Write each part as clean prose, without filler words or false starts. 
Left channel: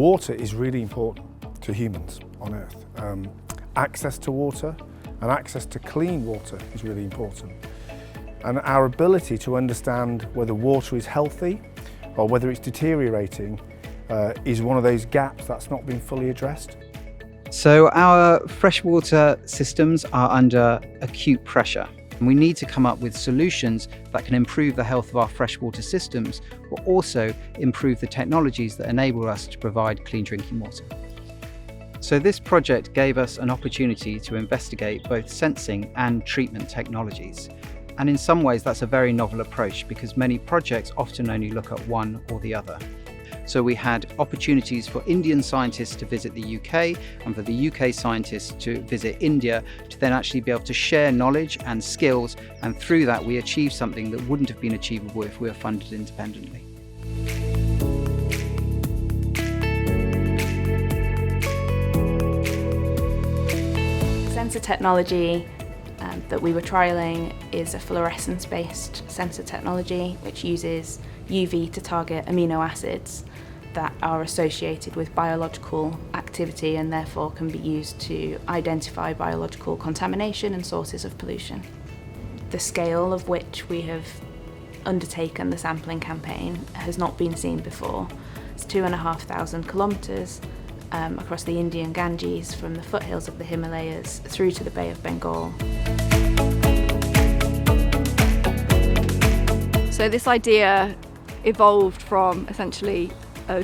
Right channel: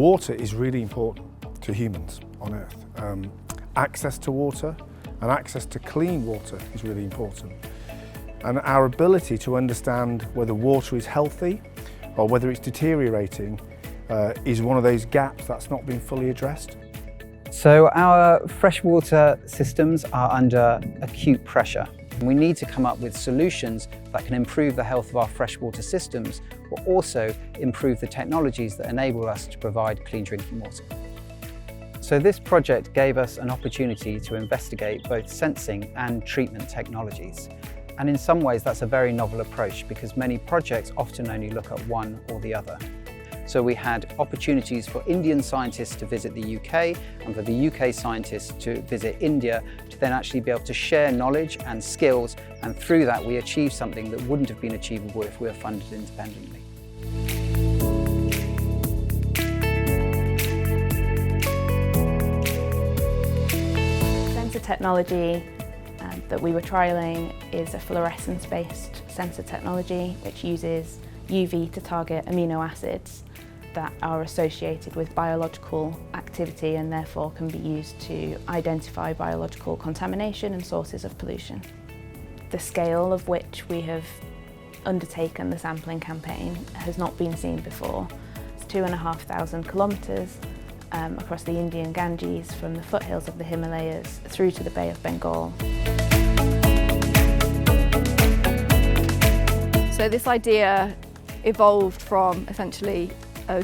Water is really important to humans on Earth. Access to water and access to clean water is really important. And our ability to understand whether water is healthy or whether it's deteriorating is one of those gaps that's not been fully addressed. So our freshwater systems are under acute pressure. We need to come up with solutions that can improve the health of our freshwater systems, but also improve the technologies that enable us to provide clean drinking water. So this project gave us an opportunity to investigate both sensing and treatment technologies. And in some ways that's a very novel approach because many projects often only look at one or the other. So we had opportunities for Indian scientists to visit the UK and for the UK scientists to visit India to then actually be able to share knowledge and skills, and through that we achieved something that wouldn't have been achievable if we were funded independently. Sensor technology that we were trialling is a fluorescence-based sensor technology which uses UV to target amino acids that are associated with biological activity and therefore can be used to identify biological contamination and sources of pollution. The scale of which we have undertaken the sampling campaign has not been seen before. It's 2,500 kilometres across the Indian Ganges from the foothills of the Himalayas through to the Bay of Bengal. So this idea evolved from essentially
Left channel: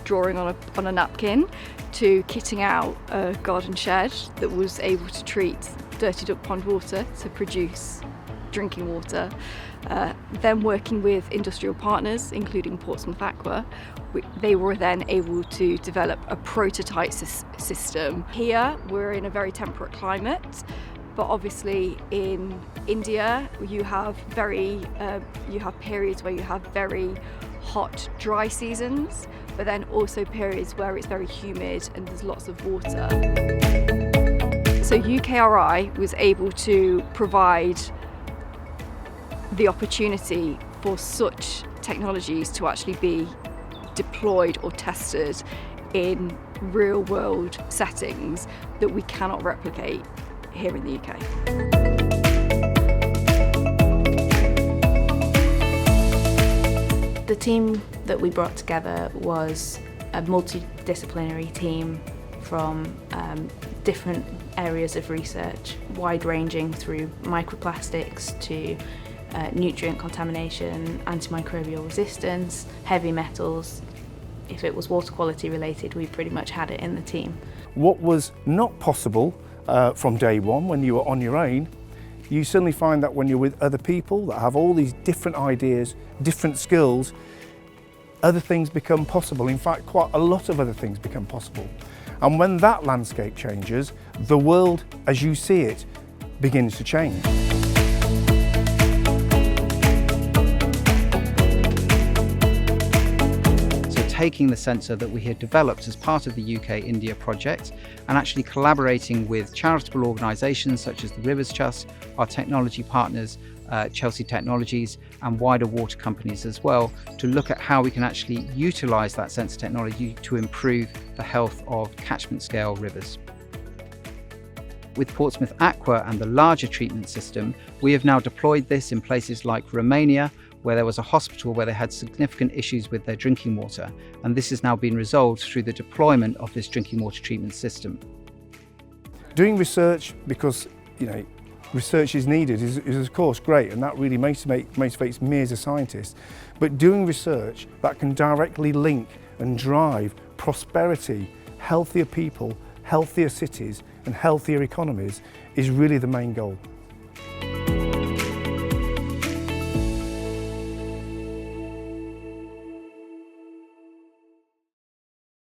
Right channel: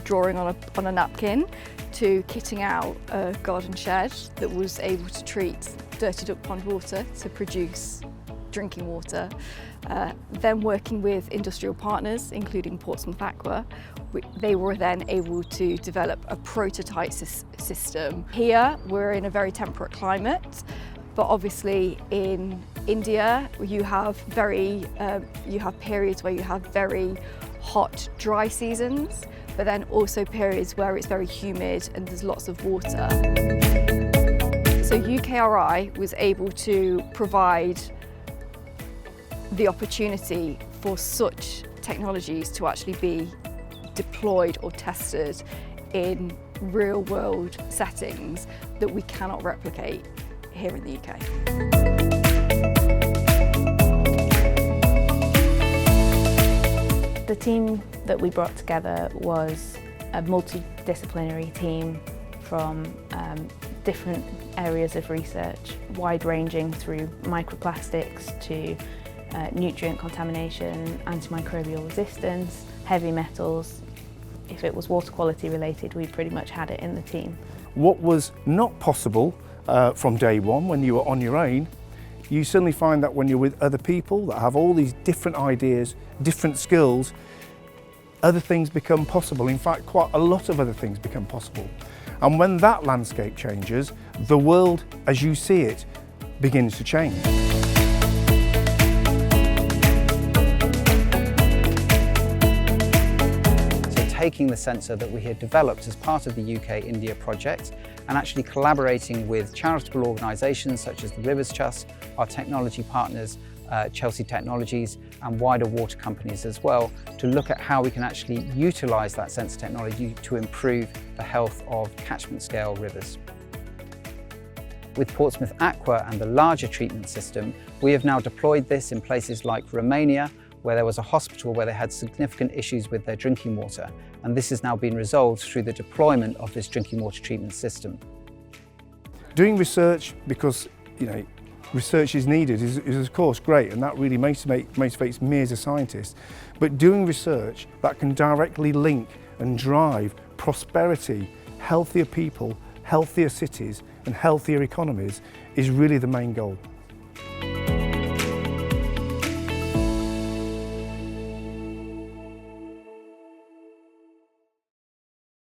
drawing on a napkin to kitting out a garden shed that was able to treat dirtied up pond water to produce drinking water. Then working with industrial partners, including Portsmouth Aqua, they were then able to develop a prototype system. Here we're in a very temperate climate, but obviously in India you have periods where you have very hot, dry seasons, but then also periods where it's very humid and there's lots of water. So UKRI was able to provide the opportunity for such technologies to actually be deployed or tested in real-world settings that we cannot replicate here in the UK. The team that we brought together was a multidisciplinary team from different areas of research, wide-ranging through microplastics to nutrient contamination, antimicrobial resistance, heavy metals. If it was water quality related, we pretty much had it in the team. What was not possible from day one when you were on your own, you suddenly find that when you're with other people that have all these different ideas, different skills, other things become possible. In fact, quite a lot of other things become possible. And when that landscape changes, the world as you see it begins to change. Taking the sensor that we had developed as part of the UK-India project and actually collaborating with charitable organisations such as the Rivers Trust, our technology partners, Chelsea Technologies and wider water companies as well, to look at how we can actually utilise that sensor technology to improve the health of catchment scale rivers. With Portsmouth Aqua and the larger treatment system, we have now deployed this in places like Romania, where there was a hospital where they had significant issues with their drinking water, and this has now been resolved through the deployment of this drinking water treatment system. Doing research because research is needed is of course great, and that really motivates me as a scientist, but doing research that can directly link and drive prosperity, healthier people, healthier cities and healthier economies is really the main goal.